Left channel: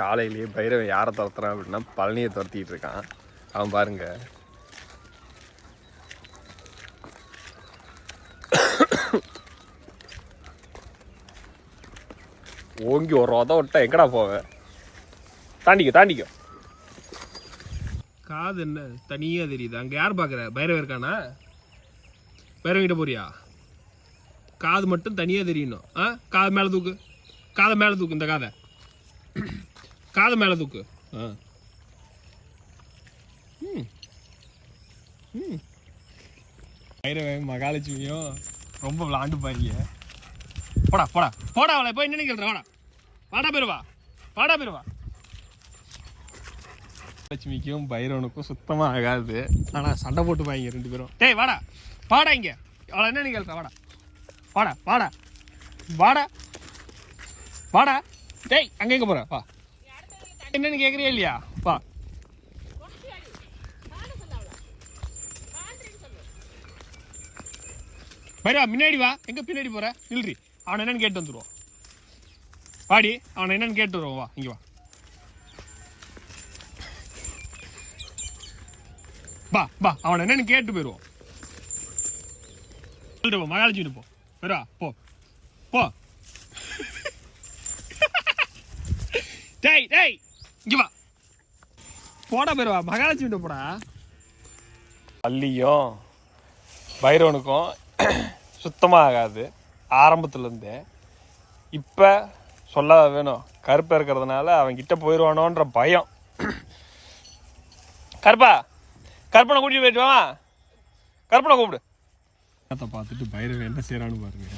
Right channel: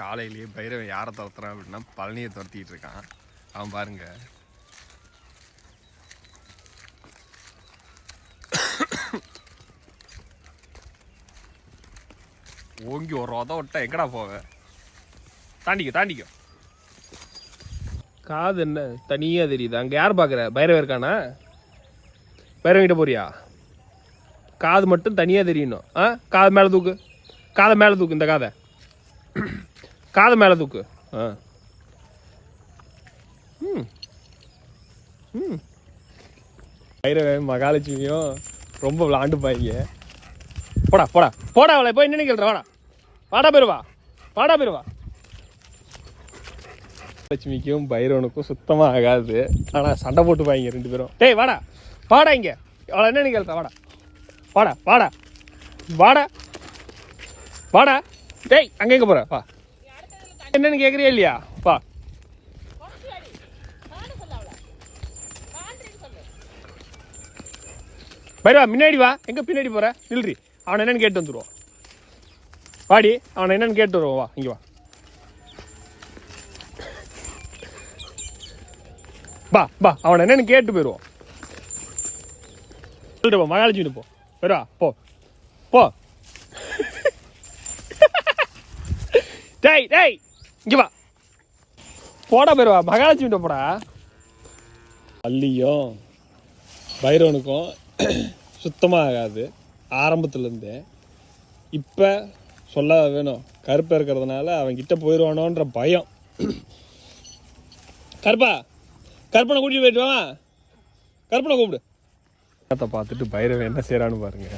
காலையிலேயே பைரவன் யாரை துரத்துறான் அப்படின்னா பழனியை துரத்திட்டு இருக்கான். அவன் பாருங்க ஓங்கி ஒரு உத விட்டா எங்கடா போவேன். தாண்டிக்கோ. காது என்ன தனியா தெரியுது. அங்க யார் பாக்குற? பைரவன் இருக்கானா? பைரவன் கிட்ட போறியா? காது மட்டும் தனியா தெரியணும். காது மேல தூக்கு. காதை மேல தூக்கு. இந்த காதை மேல தூக்கு. பைரவன் மகாலட்சுமியும் ரொம்ப விளாண்டு பாருங்க. போடா அவளை போய் என்ன கேள்ற. வாடா பெருவா. லட்சுமிக்கும் பைரவனுக்கும் சுத்தமா ஆகாது. ஆனா சண்டை போட்டு பாங்க ரெண்டு பேரும். டேய் வாடா இங்க. அவளை என்னன்னு கேள்ற. வாடா. டேய் அங்க எங்க போற? வா. என்னன்னு கேக்குறியா இல்லையா? வா. பைரவா முன்னாடி வா. எங்க பின்னாடி போற? நில்றி. அவனை என்னன்னு கேட்டு வந்துடுவோம். வாடி. அவனை என்னன்னு கேட்டு வருவோம். வா இங்க வா. அவனை என்னன்னு கேட்டு போயிடுவோம். மகாலட்சுமி போ. பைரவா போ. டேய் இங்க வா. போடா பைரவா. மகாலட்சுமி போடா. பள்ளியும் பைரவனுக்கும் சுத்தமாக ஆகாது ஆரம்பத்துலேருந்தே. இப்போ சொல்ல வேணும், கருப்பை இருக்கிறதுனால அவன் கிட்ட போயிடுவானோன்ற பயம். கருப்பனை கூட்டிட்டு போயிட்டு வா. கருப்பனை கூப்பிடு. பார்த்துட்டு பைரவன் என்ன செய்யறான்னு பாருங்க.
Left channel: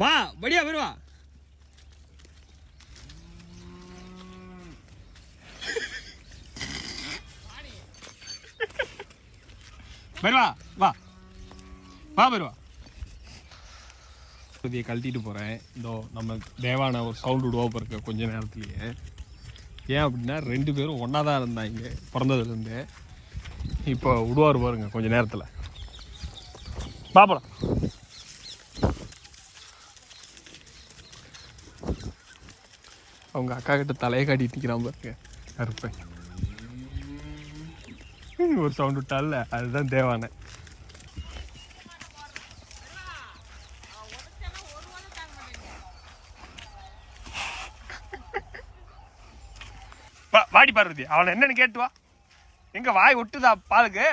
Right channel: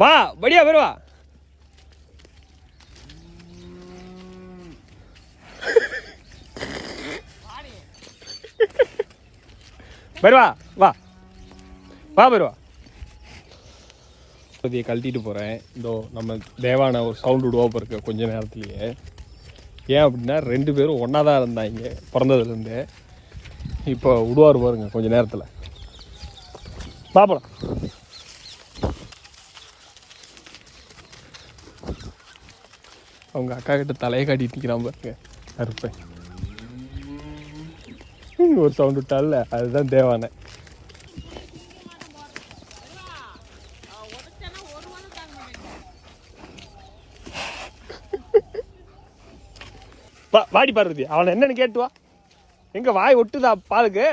வா படியா பைரவா. பைரவா வா பைரவா. கழட்டிட்டு போகிறேன். இதோ நம்ம தேவான ஒரு சவுண்டு விடுவோம் இருக்க கொஞ்ச நேரத்துலையே. ஏன் அப்படின்னா ரெண்டு பேரும் ஒன்றா தான் இருந்தாங்க பிறந்ததுலேருந்து. இப்போ விடுவார் பாருங்க கொஞ்ச நேரத்தில். பாப்பலாம். அவங்க அக்கா கிட்ட தலையை காட்டிட்டு நிற்கிறான் பாருங்க கருப்பேன். ஒரு சவுண்ட் விட்டால அதுதான் தேவான. வாடி பார்வதி. அவனை என்னன்னு கேட்டுவா. எங்க வாய் ஒட்டுதா பாலுக்கு?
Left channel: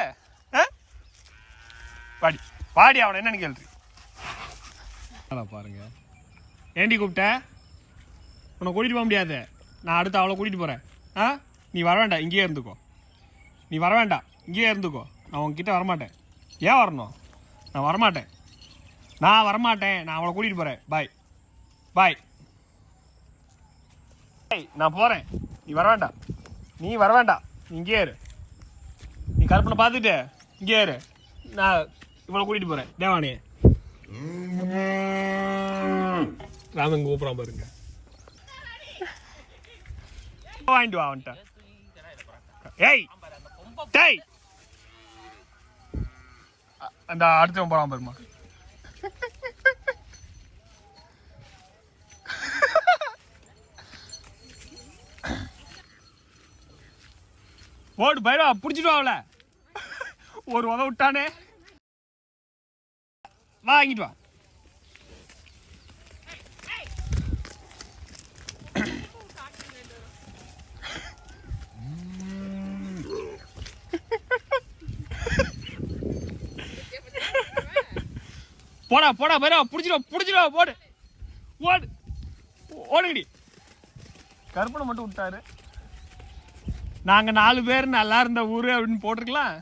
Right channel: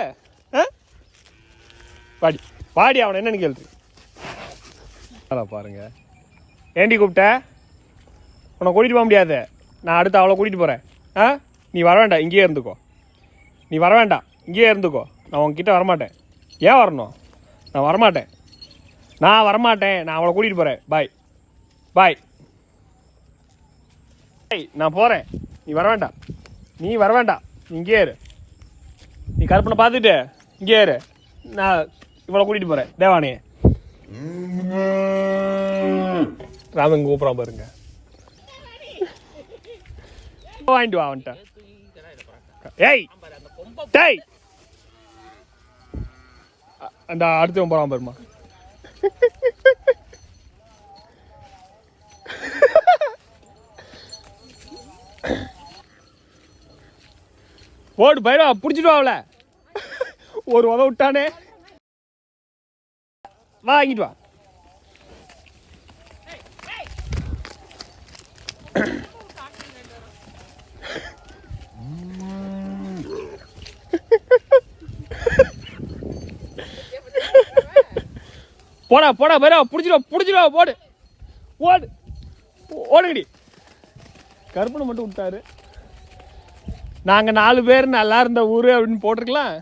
வாடி அவனை என்னன்னு கேள்வி பாருங்க. ஏண்டி கூப்பிட்ட? உன்னை கூட்டிட்டு போக முடியாது. நான் அடுத்து அவளை கூட்டிட்டு போறேன். நீ வர வேண்டாம், இங்கேயே இருந்துக்கோ. நான் உங்ககிட்ட வரமாட்டேன். ஏன் வரணும்? நான் வரமாட்டேன். நான் அவளை கூட்டிட்டு போறேன். பாய். நான் போறேன். நீ வர வேண்டாம். இங்கே இரு. நீ கருப்பனை பார்த்துட்டு இங்கே இரு. நான் இவளை கூட்டிட்டு போறேன். தேவானே ராமன் கூப்பிடாம பாருங்க. வாங்கிட்டு வா அவன்கிட்ட. ஏய் அந்த அடுத்தவன் போறான் பாருமா. ஓடு பைரவா. புடிச்சிட்டு அவளை. ஒரு உத விட்டானே. வாங்கிட்டு வா. போடா பைரவா. புடிச்சிடுவா. ஓடுங்கடி. கருப்பனை மட்டும் விட்டாரு. நாங்க 4 பேர் நல்லா இருந்த ஊரு அப்படின்னு போட்டிருக்கலாம்.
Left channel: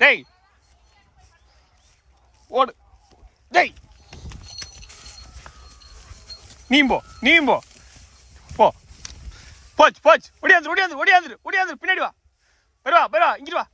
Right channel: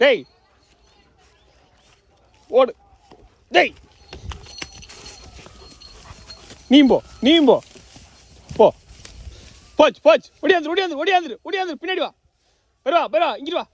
டேய் ஓடு. டேய் நீயும் போ. போச்சு. ஒடியாந்துரு. பின்னாடி வா. பைரவா இங்கிட்டு வா.